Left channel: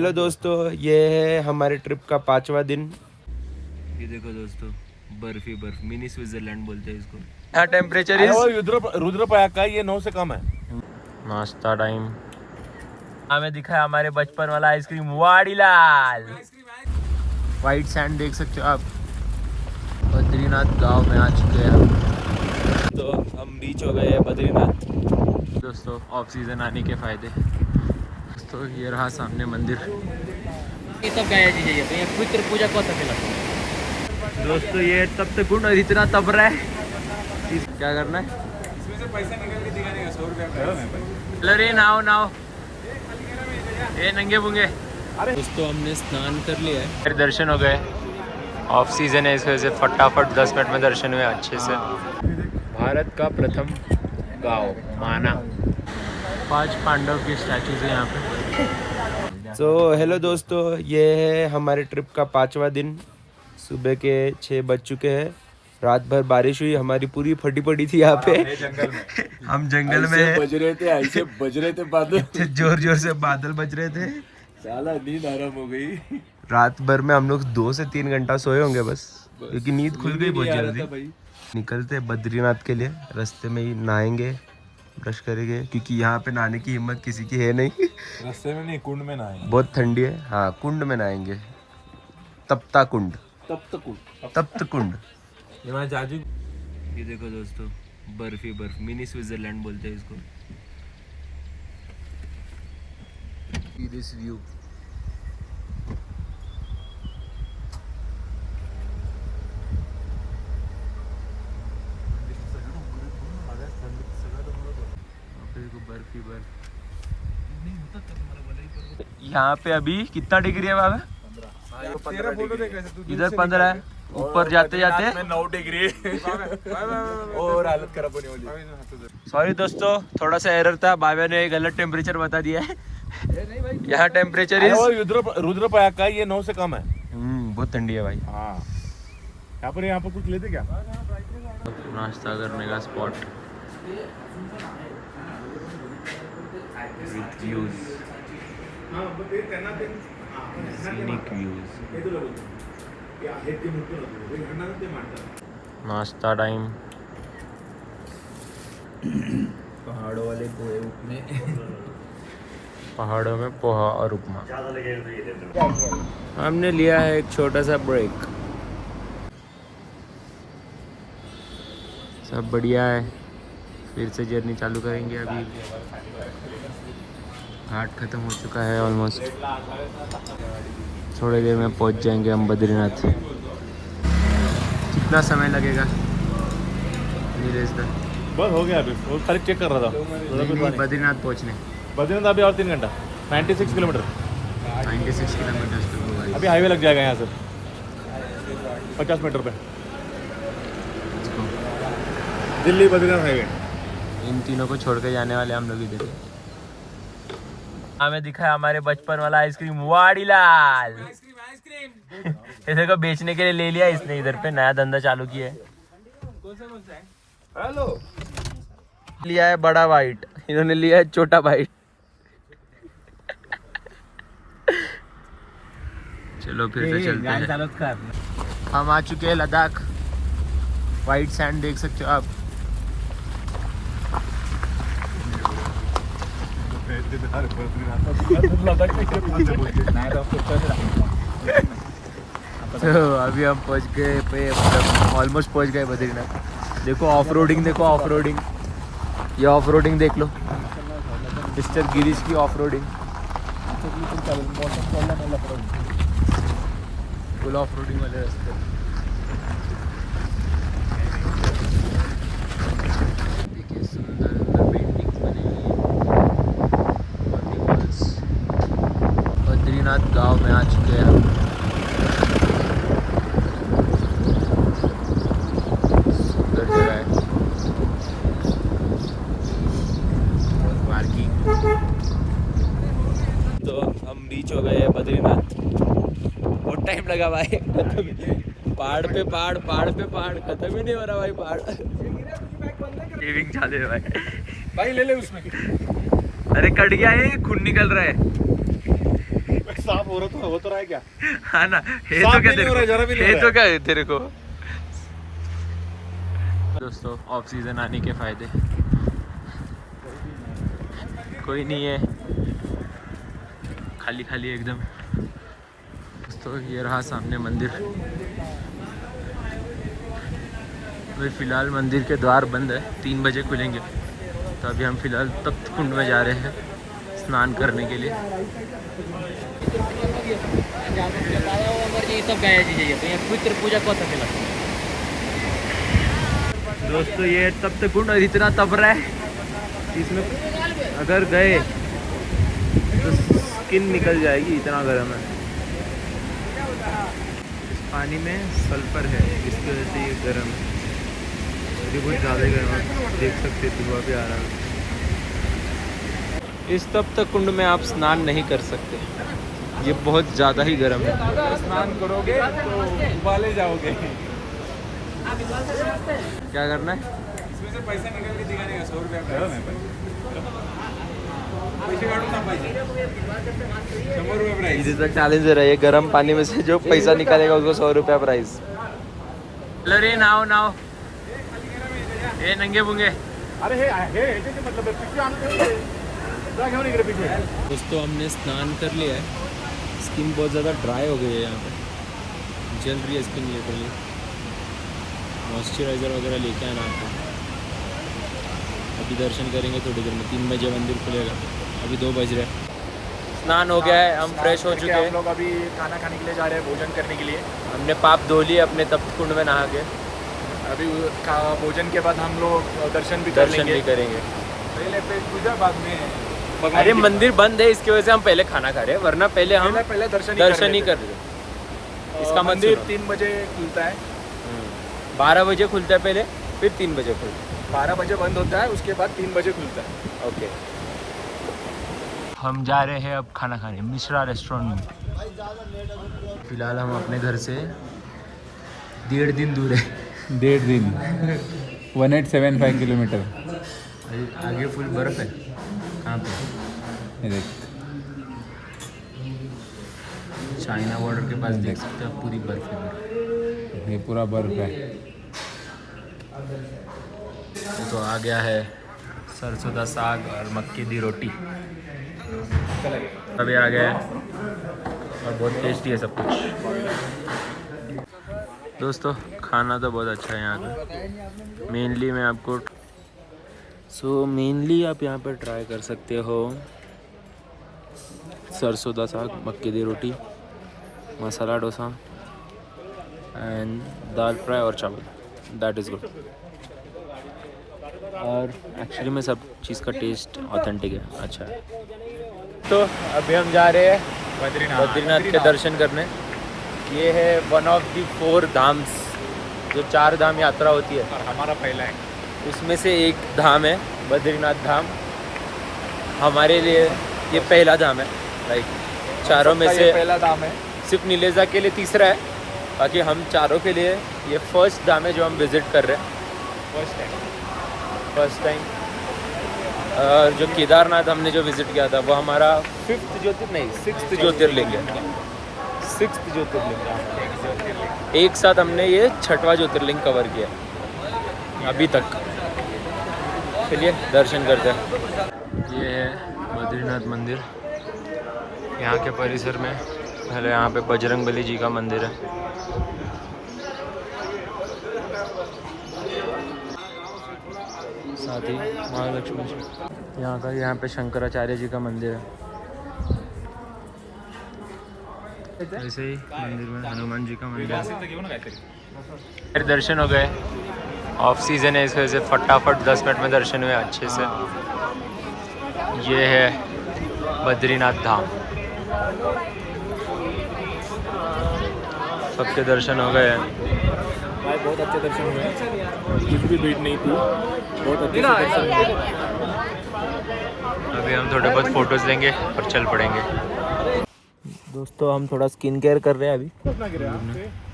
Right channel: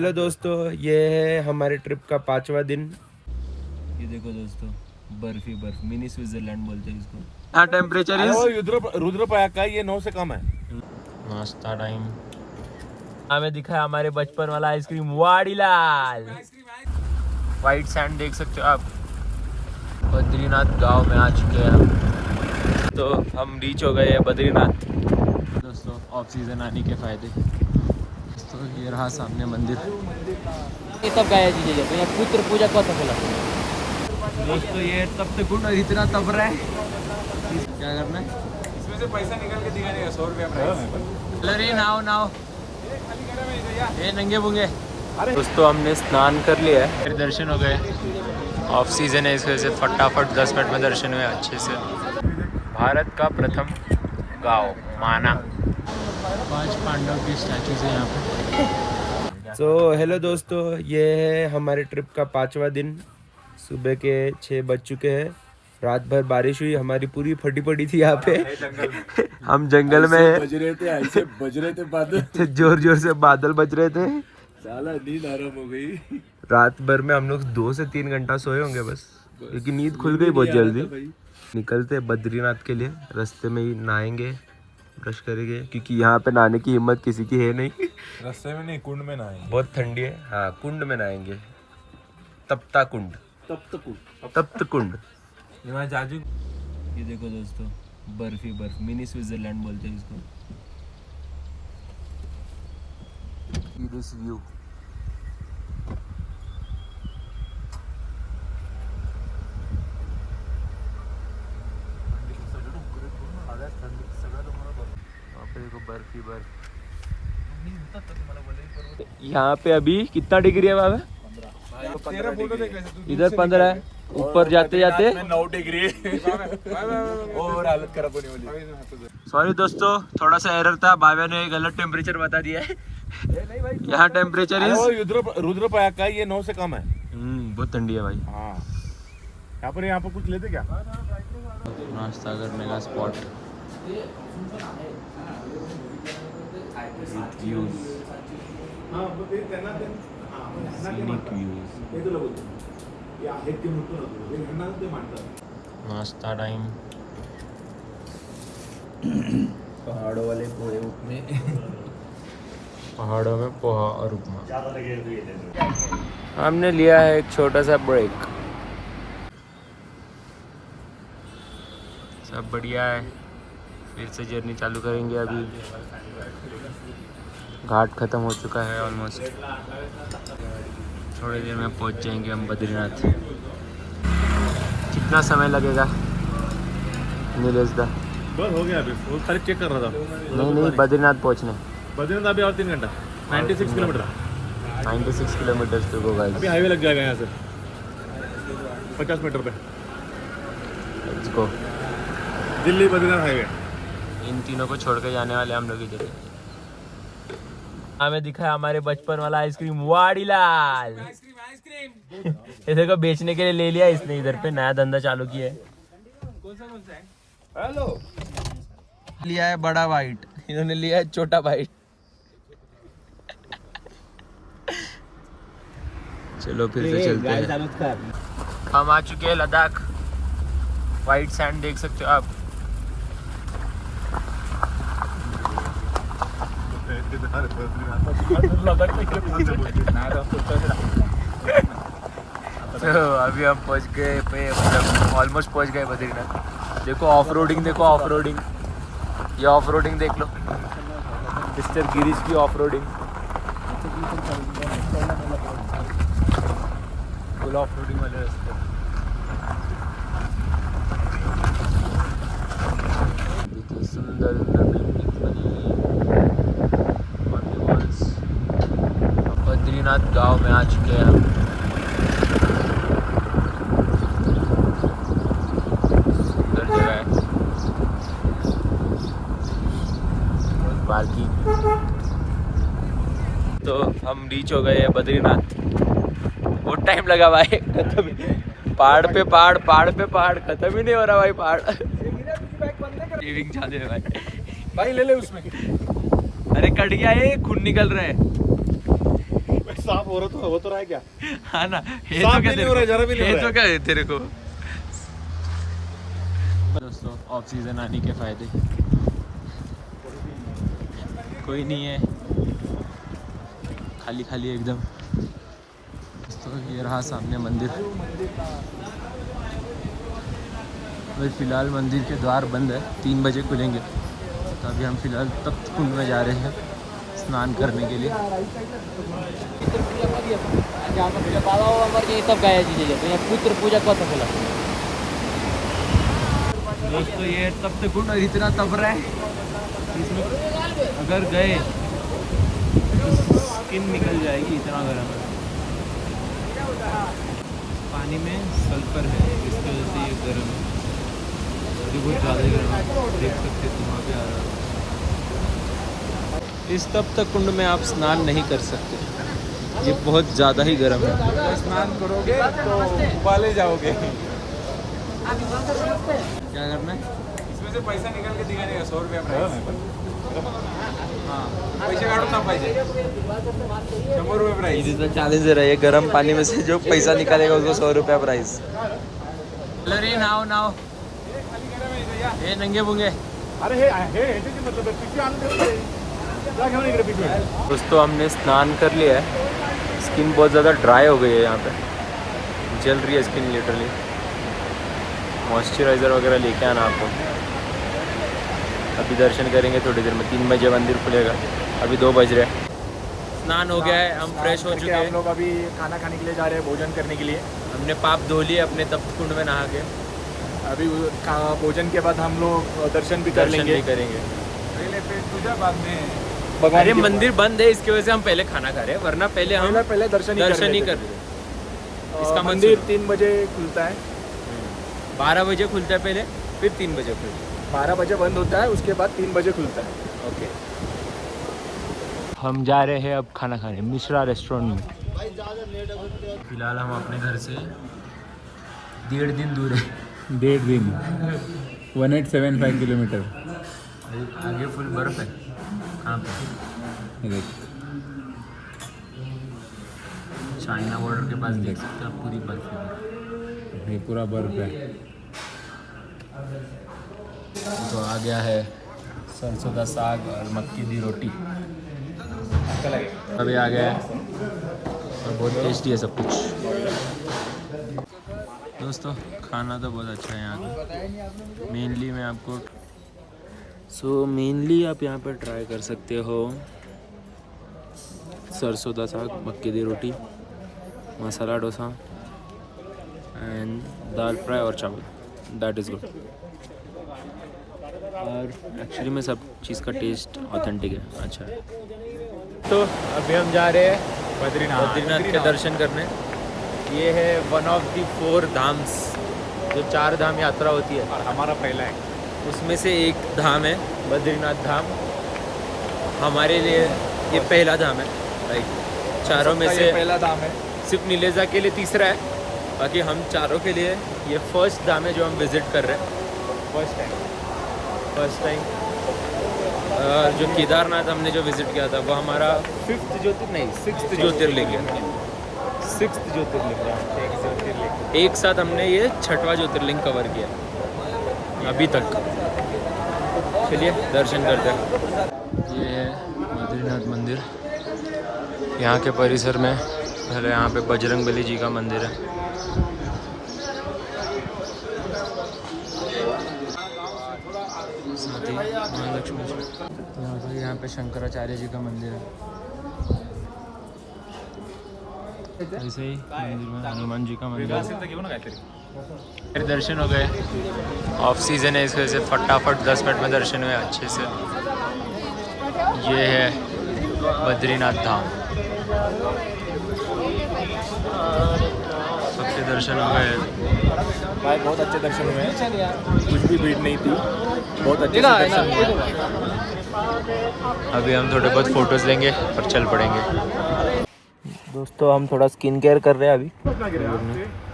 Hello दोस्तों, ये है हमारे ट्रिप का 5वां दिन। ये देखो दोस्तों, बर्फ ही बर्फ, मिनी स्विट्जरलैंड बोलते हैं इसको। यहाँ टेम्परेचर अरे वो रुद्रप्रयाग का ये 9 से कम है। नाश्ता टाइम। हमें दिखा है हमारे बचपन वाला आइसक्रीम वाड़ीलाल। वाइट सैंड देख सकते हो आप। बद्रीनाथ गांव में आ चुके हैं हम। तो हम रीच हो गए हैं बद्रीनाथ। दोस्तों ऑफ सीजन आने के फायदे। तो ये रहा सामने मंदिर। ये सब गाया चीजें तो ये पुत्र पूजा कर सकेला। दोस्तों ये तब तक गुण इतना तब रहा है। क्या करना है? इसमें से पैसा निकाल के दिखाने का 100 रुपया। अरे नाव नाव ये नंगे बुंगे। दोस्तों हमने स्नान कर लिया है, फिर दर्शन हो गए। ऑफ सीजन है इस वजह से फटाफट 10 मिनट में दर्शन हुए अच्छे से। भारत का प्रथम गांव माना। 5 पांडव की स्टैचूज है यहाँ पे। सो हेलो दोस्तों, ये है हमारे ट्रिप का 5वां दिन। सुबह के 6 बज चुके हैं। रात भर बारिश हुई, हमारी पूरी फटी पड़ी थी यहाँ पे। हम जंगल में बज रहे थे बादल। जोर जोर से बादल बज रहे थे। साला नींद आराम हो गई। रात भर में हम लोग 2 से 3 घंटा सोए होंगे बस, क्योंकि नींद खुल गई बहुत जल्दी। निकलते हैं बद्रीनाथ के लिए। रास्ते में ही नहाएंगे, ब्रश करेंगे, क्योंकि यहाँ पे नहाने की हिम्मत किसी की है नहीं। रास्ते में नहीं, कुंड में नहाएंगे। बहुत ठंडी है। हाँ, कुंड में नहाएंगे। तप्ता कुंड, तप्त कुंड। ये जाजू। ये देखो दोस्तों, बर्फ ही बर्फ, मिनी स्विट्जरलैंड बोलते हैं इसको। This view. बर्फ ही बर्फ। यहाँ पे अभी कितना डिग्री है बाबा? 15 फोटो देख रहे थे तू। इधर 15 है, ऊपर जाते जाते 9 डिग्री और हालत खराब होने वाली। सॉरी दोस्तों, थोड़ा सा एरर था। बाबा ने गलत टेम्परेचर बता दिया है। यहाँ टेम्परेचर अरे वो रुद्रप्रयाग का ये 9 से कम है। बहुत ठंडी है भाई। हाँ, यहाँ पर कुछ लेते क्या? नाश्ता करने का स्पॉट। Scenic views. नाश्ता टाइम। पहाड़ों वाले पोहे उपमे। पहाड़ों में पोहा और उपमा। हमने लिया है एक छोटा सा ब्रेक। सब बढ़िया है, फिर से जर्नी चालू करेंगे। अभी घाट खत्म हो चुका है ऑलमोस्ट। थोड़ी देर में पहुंच जाएंगे हम बद्रीनाथ। कितना समय लगेगा नीलेश दा? बस हो गया, अभी वो खाली चेक कर रहा था। नहीं बद्रीनाथ पहुंचने। बद्रीनाथ अभी और 3 घंटा। 96 किलोमीटर। 96 किलोमीटर टू गो अभी हाईवे लग जाएगा यहाँ से 50 मीटर पे। इसको दिल्ली बद्रीनाथ हाईवे। इन तीनों को छोड़ के जाने वाले हम लोग इधर। हमें दिखा है हमारे बचपन वाला आइसक्रीम वाड़ीलाल। इधर को बेचने के लिए ले लिया इसने। इधर पे नया धंधा चालू किया है। हेलो, लिया है बड़ा वाइट, इन्होंने लिया है छोटा वाइट। चलो फिर से चलते हैं। हम आ चुके हैं लद्दाख। वाइट सैंड देख सकते हो आप। तो अभी हम पहुंच गए पे, मतलब ऑलमोस्ट पहुंच गए बद्रीनाथ। देखो ऑफ रोडिंग, देखो ऑफ रोडिंग। ये ऑफ रोडिंग देख लो, मिस्टर गिरीश की off roading. Full off roading वाले रास्ते। देखिए सुंदर सुंदर बिल्डिंग बनी हुई। बद्रीनाथ गांव में आ चुके हैं हम। सुंदर जगह है। पार्किंग। तो हम रीच हो गए हैं बद्रीनाथ। बहुत टाइम लगा भाई, खत्म। पहाड़ पे पहाड़, पहाड़ पे पहाड़, खत्म ही नहीं हो रहा भाई पहाड़। टीविंग चालू है भाई। भाई ले ले उसमें। अरे कट गया है, खून निकल रहा है। साफ हो तो रहा है क्या? हाँ ना, ये साफ तो भी क्या नहीं हो रहा है, जरा भी नहीं हो ये रहा तो है। क्या है तेरे को। दोस्तों ऑफ सीजन आने के फायदे कोई नहीं है, खाली खाली एकदम। दोस्तों ये रहा सामने मंदिर। अभी फ़िलहाल मंदिर के द्वार बंद है, 3 बजे खुलेंगे। तो अभी हम फ़िलहाल तप्त कुंड में जा रहे हैं स्नान करने के लिए। सब गाया चीजें पुत्र पूजा कसं केला दोस्तों ये तप्त कुंड इतना तप रहा है, इसमें अगर गए तो स्किन निकल जाएगी, इतना गर्म है। इस पानी में सल्फर है, इसकी वजह से ये गर्म है। अभी बहुत ज़्यादा ही गर्म है, देख सकते हो धुआं भी आ रहा है। इस तप्त कुंड में आप स्नान नहीं कर सकते, ये बहुत ज़्यादा ही गर्म है। अगर स्नान करोगे तो उबाले जाओगे। क्या करना है? इसमें से पैसा निकाल के दिखाने का 100 रुपया प्राइस। हाँ, पैसे काढून ना पाहिजे, 100 रुपये प्राइस। ये तो चैलेंज है, ये गर्म पानी में से जो पैसा निकालेगा उसको 100 रुपया प्राइस। अरे नाव नाव ये नंगे पुंगे। अरे हे मतलब पिशवी आणून ठेवली. जा घेऊन इकडे पिशवी. दोस्तों हमने स्नान कर लिया है, स्किन बहुत ज़्यादा ड्राई हो गई है, यहाँ पे जल रही है स्किन लिटरली। मॉइस्चराइज़र वगैरह लेके आना आपको। अभी दर्शन करेंगे थोड़ी देर में, 3 बजे मंदिर खुलेगा, अभी 2 बज रहे हैं। स्नान हो गया है, हम फ्रेश हो चुके हैं। हम लोग अभी खाना खाने के लिए जा रहे हैं, भोजन करने के लिए। हमने पाप धो लिए अपने तप्त कुंड में नहा के। अभी भोजन के बाद हम लोग दर्शन भी भी करेंगे। पहले पेट पूजा, बाद में अरे मंदिर बंद है, इसकी वजह से हम पहले खाना खा रहे हैं, वरना पहले हम पहले दर्शन ही कर रहे थे। इसका मत मंदिर सुनो। 3 बजे खुलता है, 12 बजे खुलता है पहले, फिर 3 बजे खुलता 12 बजे बंद होता है, उसके बाद 3 बजे खुलता है। है। ओके, हम जा रहे हैं अब खाना खाने मिश्रा रेस्टोरेंट में। फिलहाल हम अपने घर से 1.5 दिन दूर है। 1.5 दिन 1875 किलोमीटर। आगे फुल बर्फ है। कहाँ पे? ये देख, चाइना बॉर्डर के पास देख सकते हो, पूरी बर्फ है। ये पूरा बर्फ है। तो आ गया है सरसों का साग और मक्की की रोटी। अभी आ गया है और बहुत टेस्टी है सब कुछ। दोस्तों खाना तो बहुत अच्छा है यहाँ पे। मेनली मैं आपको मेनली आप यहाँ पर ट्राई कर सकते हो सरसों का साग, मक्की की रोटी, masala dosa and dal fry और चावल। That is good. और एक्चुअली में सब चीज़ का टेस्ट ऑथेंटिक है, अच्छा है। तो अभी हम जा रहे हैं बद्रीनाथ के दर्शन करने। ये है वन ऑफ दी 4 धाम्स, जो 4 धाम यात्रा होती है और हमारा पहला है, उसमें से एक धाम है बद्रीनाथ धाम। हमारे लिए ये पहला धाम है, लाइक चारों में से पहला धाम है। सिर्फ नीलेजा के लिए तीसरा है, बाकी हम चारों के लिए ये फर्स्ट धाम है जो हम विज़िट कर रहे हैं फर्स्ट टाइम। और जो केदारनाथ हमने जो विज़िट किया था वो हमारा 6th ज्योतिर्लिंग है। 6th ज्योतिर्लिंग है हमारा। एक साथ हमने ये 6वां ज्योतिर्लिंग कवर किया अभी तक। चलिए दर्शन करते हैं। ये है बद्रीनाथ मंदिर। यहाँ के परिसर में पहले यहाँ पे बजरंगबली जी का मंदिर है। साथ ही महालक्ष्मी जी, यहाँ पे शंकराचार्य जी का मंदिर है। ऐसे ही मंदिर में हनुमान जी का मंदिर है। फिर दर्शन हो गए। ऑफ सीज़न है, इस वजह से फटाफट 10 मिनट में दर्शन हुए अच्छे से। ये है बद्रीनाथ धाम। सबके दर्शन हो गए। भाई बहुत अच्छे दर्शन हुए हैं, कुछ भी भीड़ नहीं थी, बहुत अच्छे से दर्शन हुए। अभी हम थोड़े बहुत फ़ोटोज़ लेंगे और चल पड़ेंगे। दोस्तों हम थोड़ा स्किन केयर कर रहे हैं अभी।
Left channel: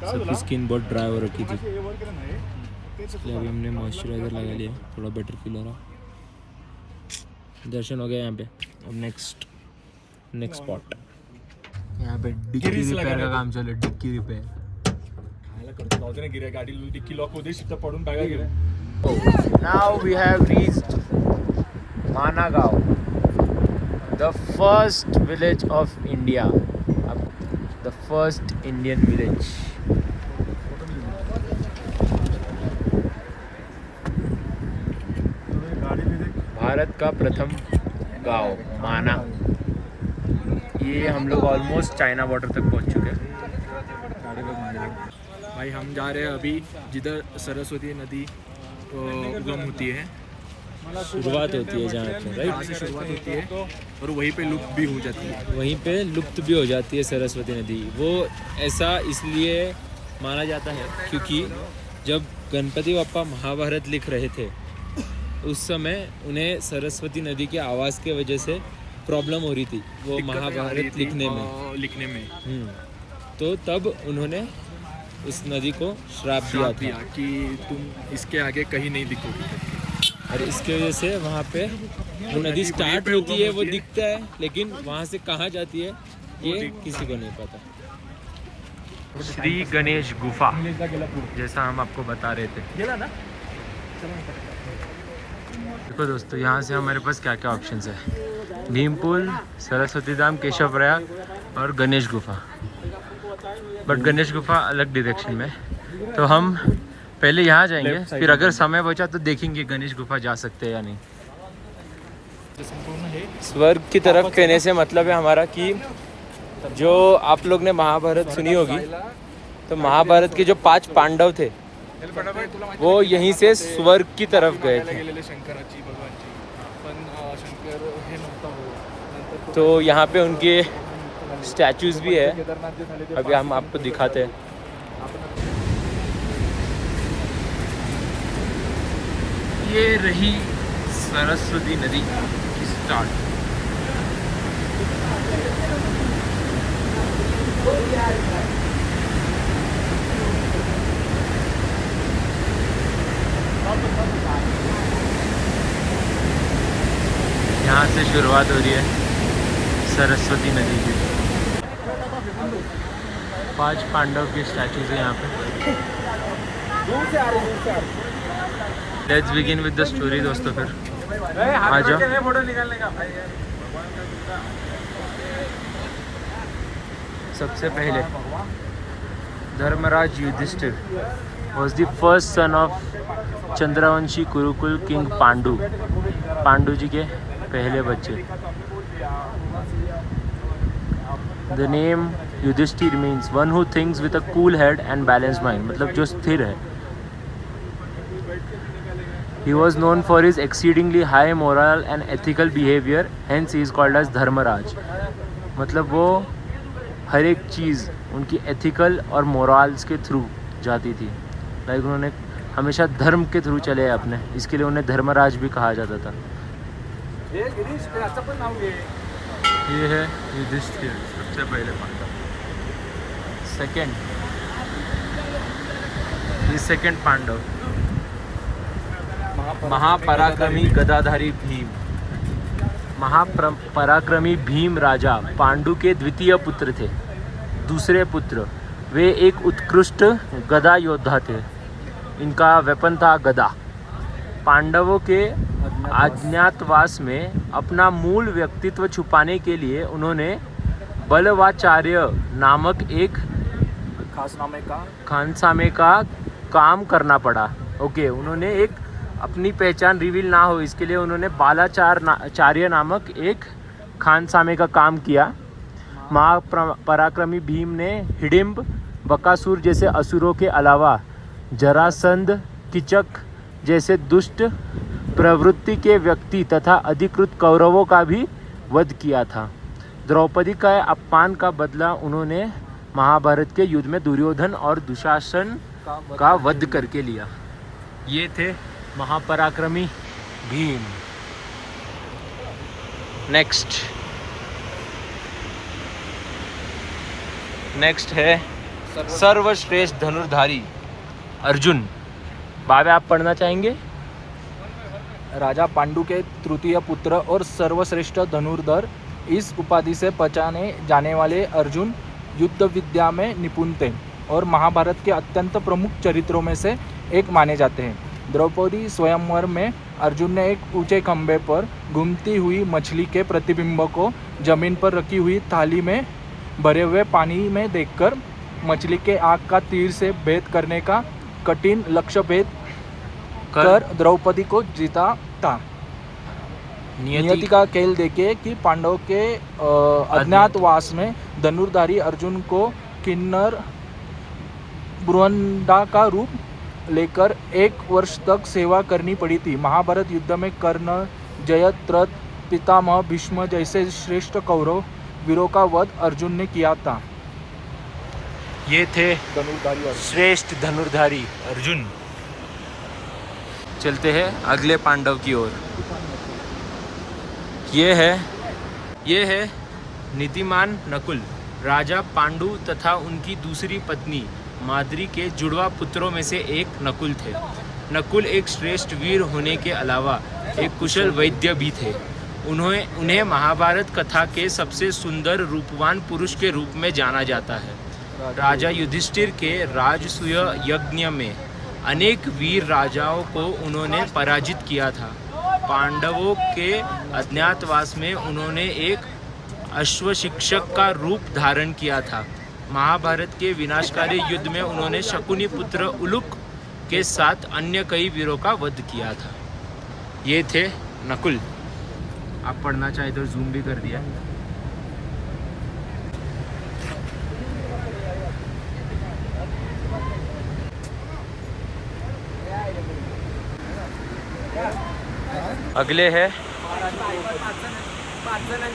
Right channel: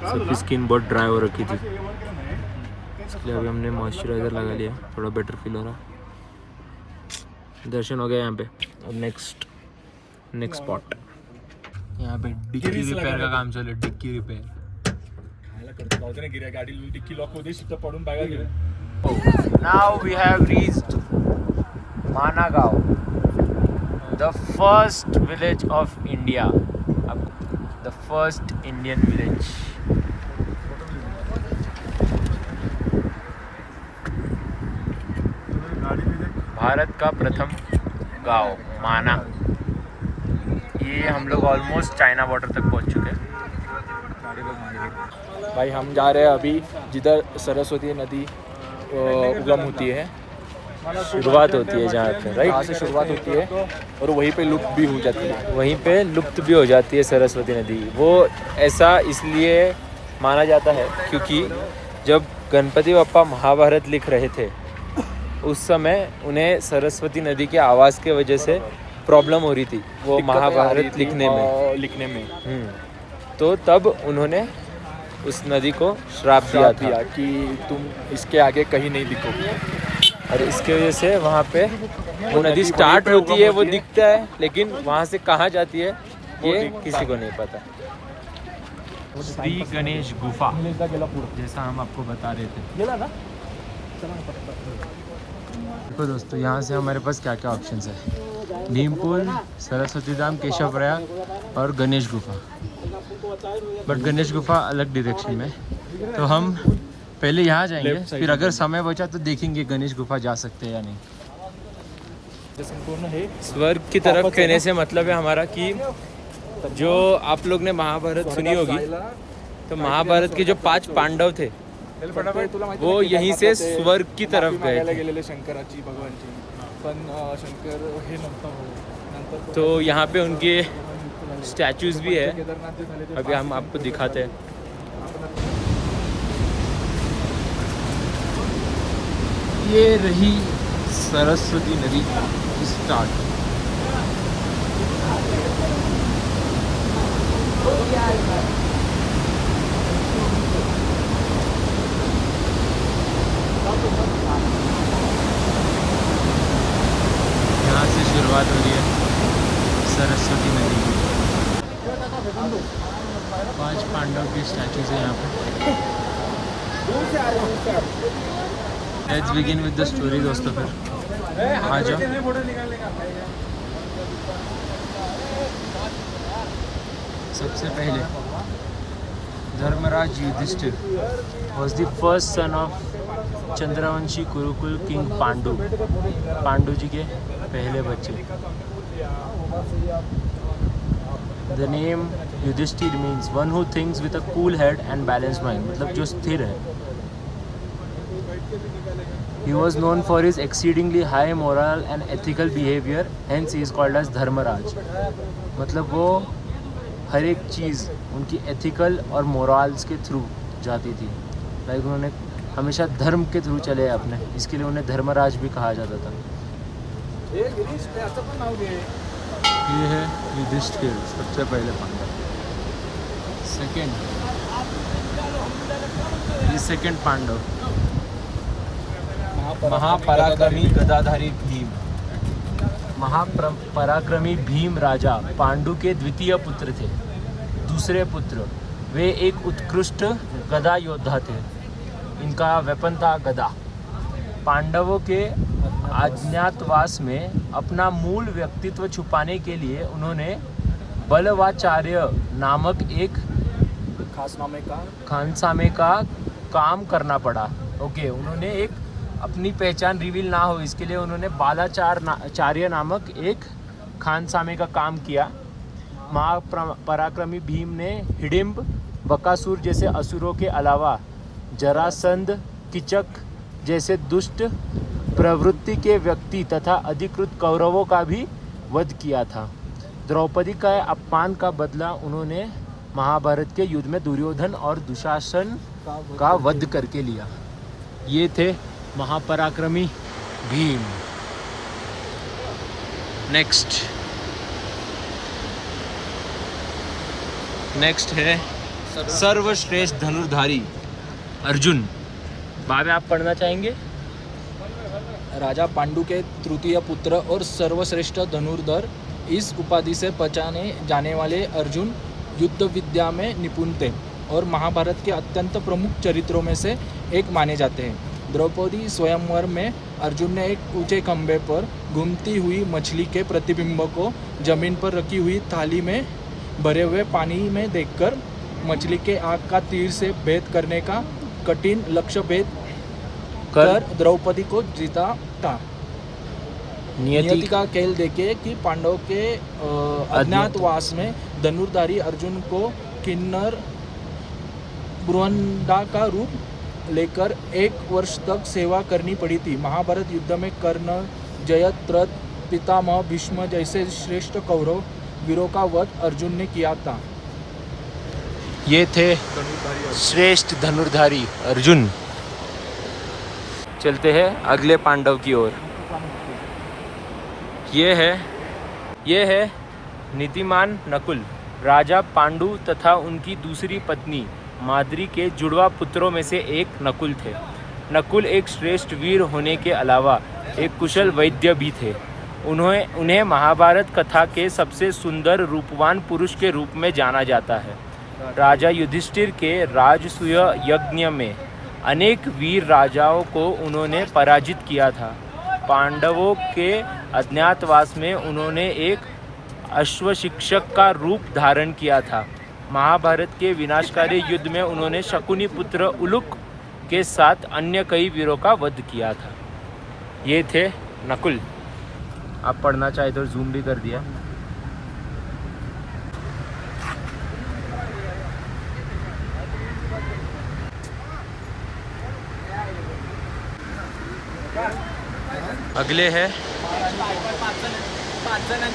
सबकी स्किन बहुत ड्राई हो रखी थी, इसलिए अभी हमने मॉइस्चराइज़र लगा लिया, थोड़ा बेटर फील हो रहा। दर्शन हो गए यहाँ पे। और नेक्स्ट स्पॉट यहाँ पे डिक्की गिरीस रिपेयर लगाने का को. काम चालू है, डिक्की रिपेयर. खायला करतो जाऊ दे ना गिऱ्या गाडी डिक्की लॉक होते शिफ्ट पडून बघा गिऱ्या. Now we have reached Managaon, the first village of India, the first Indian village. Bharat का प्रथम गांव माना. ये हम लोग ऑलमोस्ट चाइना बॉर्डर तक पहुंच चुके हैं. भाई हम जा रहे हैं अभी जिधर सरस्वती नदी उगम होती है, शुरुआत होती है जहाँ पे, वहाँ राइट. से शुरुआत होती है और वहीं पे लुप्त भी हो जाती है. वहीं पे लुप्त भी हो जाती है सरस्वती नदी. वो ऐसा इसलिए माना जाता है क्योंकि जब गणपति बप्पा महाभारत लिख रहे थे उस समय उन्हें सरस्वती नदी के आवाज़ के वजह से प्रॉब्लम हो रही थी वो महाभारत लिखने में. तो तब उन्होंने उस नदी को श्राप दिया था कि तुम इसके आगे कहीं नहीं दिखोगे. और इसके वजह से वहाँ पे वो नदी स्टार्ट होती है, वो दिखता है, लेकिन वहाँ से कहाँ जाती है ये किसी को नहीं पता. श्री गणेश गुफा जैसा हम आपको बता रहे थे. देखो दोस्तों, यहाँ से हमारे पास क्या क्या ऑप्शंस है. भीमपुल, सरस्वती धाम, केशव प्रयाग और गणेश गुफा. बट गणेश गुफा अलग डायरेक्शन में. तो हम पहले यहाँ जाएंगे, फिर अगर समय बचा तो देखेंगे गणेश गुफा जा सकते हैं या नहीं. स्वर्ग की तरफ कहने से मतलब है हमारा कि जो आप लोग ने महाभारत सुनी होगी, तो महाभारत के जो 5 पांडव थे वो यहीं से स्वर्ग की तरफ गए थे. शंकराची भगवानची पण शंकर हे नव्हता हो. नंतर तो यहाँ पे उनके स्टैचूज भी है, केदारनाथ जे झाले ते अभी हम आपको दिखाते हैं. ये रही सरस्वती नदी स्टार्ट. यहाँ से शुरुआत हो रही है सरस्वती नदी की. 5 पांडव की स्टैचूज है यहाँ पे. Let's begin with the story दोस्तों. फिर आ जाओ. सबसे पहले Dharmaraj Yudhishthira was the first son of Chandravanshi Kurukul king Pandu. Pandu ji के पहले बच्चे. The name Yudhishthir means one who thinks with a cool head and balanced mind, मतलब जो स्थिर है. He was known for his exceedingly high moral and ethical behavior, hence he is called as Dharmaraj. मतलब वो हर एक चीज़ उनकी एथिकल और मोरल्स के थ्रू जाती थी. लाइक उन्होंने हमेशा धर्म के थ्रू चले अपने, इसके लिए उन्हें धर्मराज भी कहा जाता था. ये है युधिष्ठिर, सबसे पहले पांडव. सेकंड पांडव महापराक्रमी गदाधारी भीम. महापराक्रमी भीम राजा पांडु के द्वितीय पुत्र थे. दूसरे पुत्र, वे एक उत्कृष्ट गदा योद्धा थे. इनका वेपन था गदा. पांडवों के अज्ञातवास में अपना मूल व्यक्तित्व छुपाने के लिए उन्होंने बलवाचार्य नामक एक खानसामे का काम करना पड़ा. ओके, उन्होंने एक अपनी पहचान रिवील ना हो इसके लिए उन्होंने बालाचार्य नामक एक खानसामे का काम किया. महापराक्रमी भीम ने हिडिंब, बकासुर जैसे असुरों के अलावा जरासंध, किचक जैसे दुष्ट प्रवृत्ति के व्यक्ति तथा अधिकृत कौरवों का भी वध किया था. द्रौपदी का अपमान का बदला उन्होंने महाभारत के युद्ध में दुर्योधन और दुशासन का वध करके लिया. ये थे महापराक्रमी भीम. नेक्स्ट है सर्वश्रेष्ठ धनुर्धारी अर्जुन. बाबा आप पढ़ना चाहेंगे? राजा पांडु के तृतीय पुत्र और सर्वश्रेष्ठ धनुर्धर इस उपाधि से पहचाने जाने वाले अर्जुन युद्ध विद्या में निपुण थे और महाभारत के अत्यंत प्रमुख चरित्रों में से एक माने जाते हैं। द्रौपदी स्वयंवर में अर्जुन ने एक ऊंचे खंभे पर घूमती हुई मछली के प्रतिबिंब को जमीन पर रखी हुई थाली में भरे हुए पानी में देखकर मछली के आग का तीर से भेद करने का कठिन लक्ष्य भेद कर द्रौपदी को जीता था। नियति का खेल देखे कि पांडव के अज्ञातवास में धनुर्धारी अर्जुन को किन्नर ब्रुहंदा का रूप लेकर 1 वर्ष तक सेवा करनी पड़ी थी। महाभारत युद्ध में कर्ण, जयद्रथ, पितामह भीष्म जैसे श्रेष्ठ कौरव वीरों का वध अर्जुन ने किया था। ये थे श्रेष्ठ धनुर्धारी अर्जुन। चलते हैं अगले पांडव की ओर। ये है नीतिमान नकुल, राजा पांडु तथा उनकी दूसरी पत्नी माद्री के जुड़वा पुत्रों में से एक नकुल थे। नकुल एक श्रेष्ठ वीर होने के अलावा एक कुशल वैद्य भी थे। उन्हें महाभारत कथा के सबसे सुंदर रूपवान पुरुष के रूप में जाना जाता है। राजा युधिष्ठिर के राजसूय यज्ञ में अनेक वीर राजाओं को उन्होंने पराजित किया था। पांडवों के अज्ञातवास में उन्होंने एक अश्वशिक्षक का रूप धारण किया था। महाभारत के विनाशकारी युद्ध में उन्होंने शकुनी पुत्र उलुक के साथ अन्य कई वीरों का वध किया था। ये थे नकुल। आप पढ़ना चाहे तो जूम भी कर दिया। अगले है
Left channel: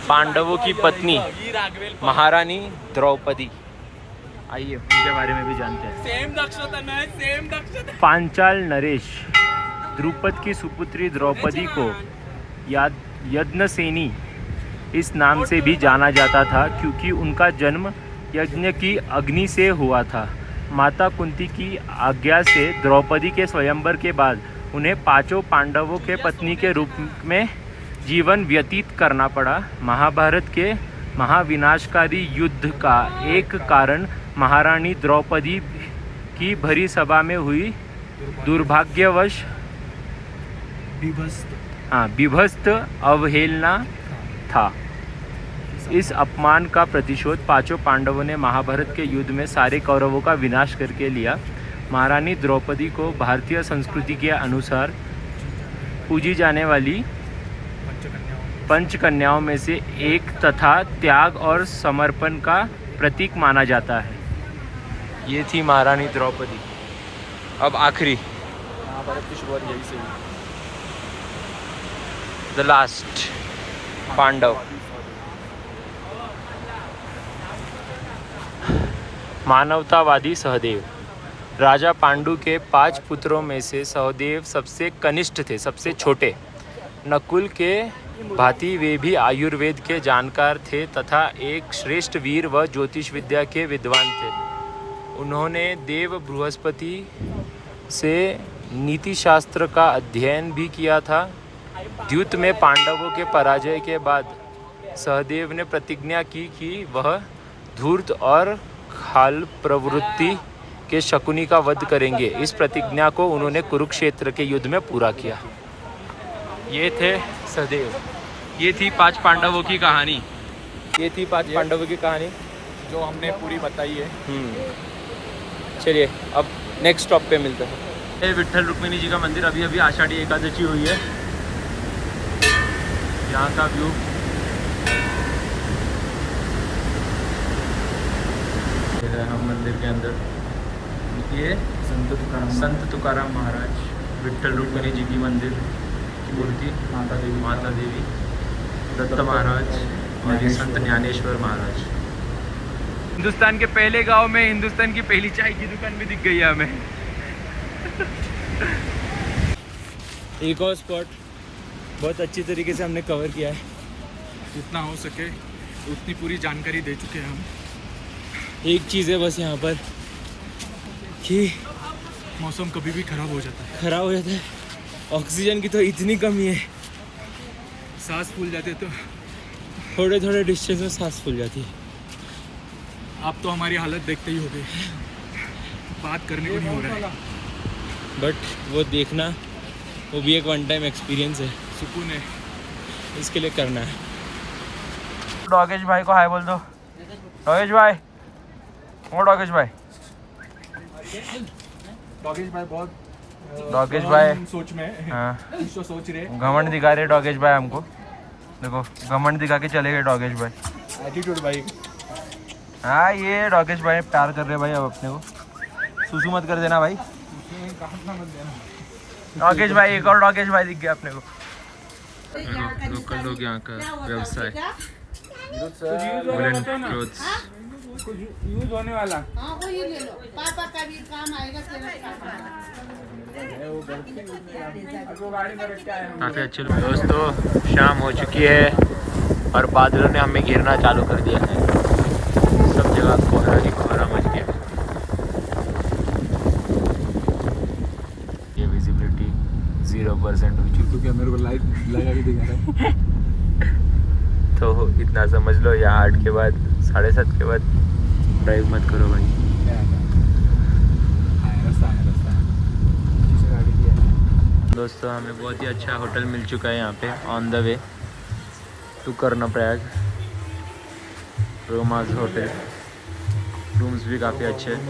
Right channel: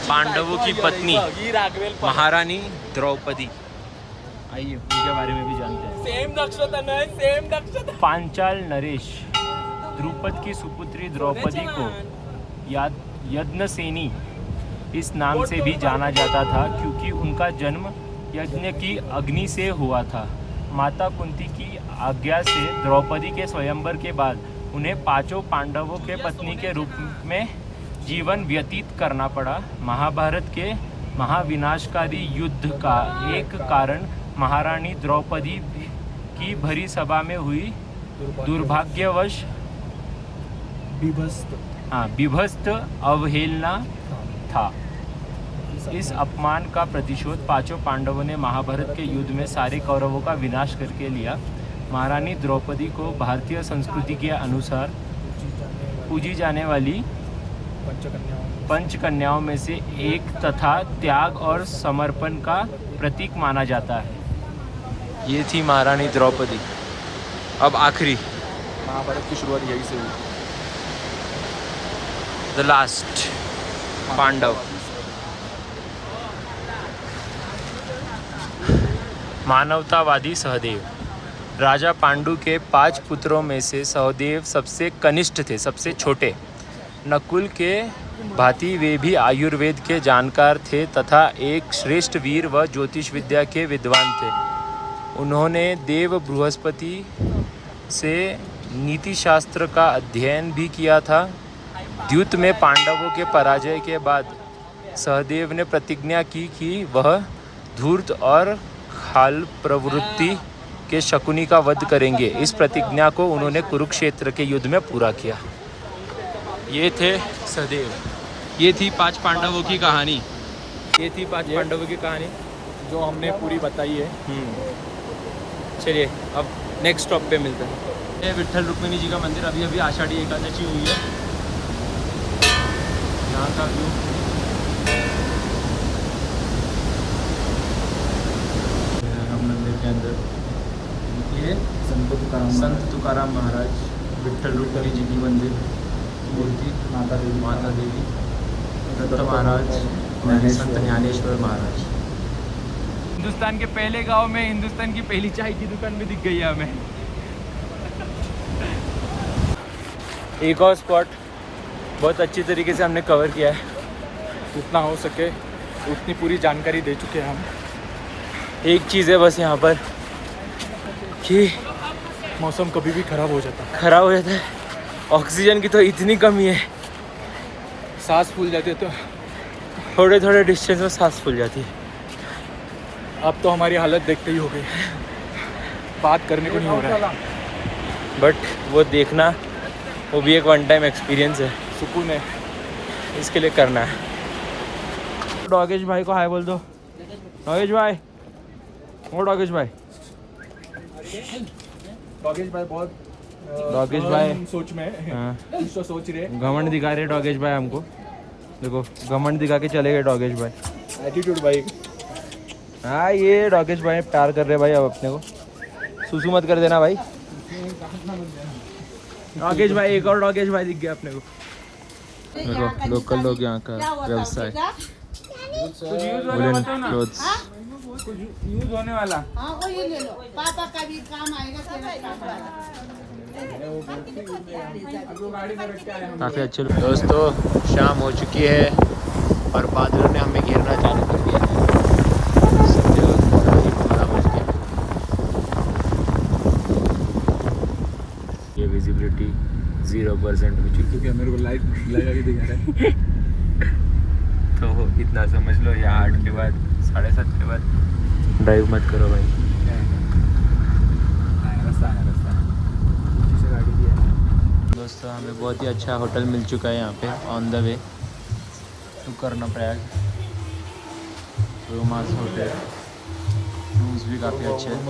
पांडवों की पत्नी महारानी द्रौपदी। आइए उनके बारे में भी जानते हैं। पांचाल नरेश द्रुपद की सुपुत्री द्रौपदी को यज्ञसेनी इस नाम से भी जाना जाता था क्योंकि उनका जन्म यज्ञ की अग्नि से हुआ था। माता कुंती की आज्ञा से द्रौपदी के स्वयंवर के बाद उन्हें 5 पांडवों के पत्नी के रूप में जीवन व्यतीत करना पड़ा। महाभारत के महाविनाशकारी युद्ध का एक कारण महारानी द्रौपदी की भरी सभा में हुई दुर्भाग्यवश विभस्त अवहेलना था। इस अपमान का प्रतिशोध 5 पांडवों ने महाभारत के युद्ध में सारे कौरवों का विनाश करके लिया। महारानी द्रौपदी को भारतीय संस्कृति के अनुसार पूजी जाने वाली पंचकन्याओं में से एक तथा त्याग और समर्पण का प्रतीक माना जाता है। ये थी महारानी द्रौपदी। अब आखिरी महाभारत की शुरुआत यही से हुई। The last Pandav. मानवतावादी सहदेव। राजा पांडु के 5 पुत्रों में से सहदेव सबसे कनिष्ठ थे, सबसे छोटे। नकुल के भांति वे भी आयुर्वेद के जानकार थे तथा एक श्रेष्ठ वीर व ज्योतिष विद्या के विद्वान थे। उन्होंने देव बृहस्पति से नीति शास्त्र का अध्ययन भी किया था। द्यूत में पांडवों के पराजय के बाद सहदेव ने प्रतिज्ञा की कि वह धूर्त और खाल प्रवृत्ति के शकुनी का वध करेंगे। इस प्रतिज्ञा को उन्होंने कुरुक्षेत्र के युद्ध में पूरा किया। ये थे सहदेव। ये थी 5 पांडवों की कहानी। पांडवों की कहानी जो हमने पूरी बताई है। चलिए अब नेक्स्ट स्टॉप पे मिलते हैं। ये विट्ठल रुक्मिणी जी का मंदिर। अभी अभी आषाढ़ी एकादशी हुई है। यहाँ का व्यू मंदिर के अंदर ये संत तुकाराम महाराज, विट्ठल रुक्मिणी जी की मंदिर, मूर्ति माता देवी, दत्त महाराज और संत ज्ञानेश्वर महाराज। हिंदुस्तान के पहले गांव में हिंदुस्तान की पहली चाय की दुकान भी दिख गई है हमें। एक और स्पॉट बहुत अच्छी तरीके से हमने कवर किया है। जितना हो सके उतनी पूरी जानकारी दे चुके हैं हम। एक चीज़ है बस यहाँ पर कि मौसम कभी भी ख़राब हो जाता है। ऑक्सीजन की तो इतनी कमी है, सांस फूल जाते तो थोड़े थोड़े डिस्टेंस में सांस फूल जाती है। अब तो हमारी हालत देखते ही हो गई, बात करने को नहीं हो रहा है। बट वो देखना, वो भी एक वन टाइम एक्सपीरियंस है, सुकून है। इसके लिए करना है। डॉगेश भाई को हाय बोल दो। डॉगेश भाई, वो डॉगेश भाई, डॉगेश भाई बहुत डॉगेश भाई सोच में है। हाँ, कुछ तो सोच रहे हैं। घमंड दिखा रहे डॉगेश भाई हमको। देखो घमंड दिखा के चले गए डॉगेश भाई। एटीट्यूड भाई। हाँ ये डॉगेश भाई प्यार कर रहे भाई अब अपने को। सुसु मत कर देना भाई। डॉगेश भाई, एक और डॉगेश भाई दिख गया अपने को। देखो लोकल लोग यहाँ का व्यवसाय, वुलन क्लोथ्स। कुछ यूज होने वाला। हाँ वो ये ले लो, पापा का भी काम आएगा तेरा काफ़ी अच्छे लोग। दोस्तों शाम हो चुकी है और बादलों ने हमें घेरना चालू कर दिया है। सब जगह कोहरा ही कोहरा मच गया। ये विजिबिलिटी 0% हो चुकी तो क्या मेरे को लाइट लगा के दिखा रहा है। तो इतना समझ लो, या 8 के बाद 7:30 के बाद ड्राइव मत करो भाई। दोस्तों हमें बहुत ही अच्छा होटल मिल चुका है यहाँ पे, on the way to Karnaprayag. रोमास होटल, रूम्स भी काफ़ी अच्छे हैं।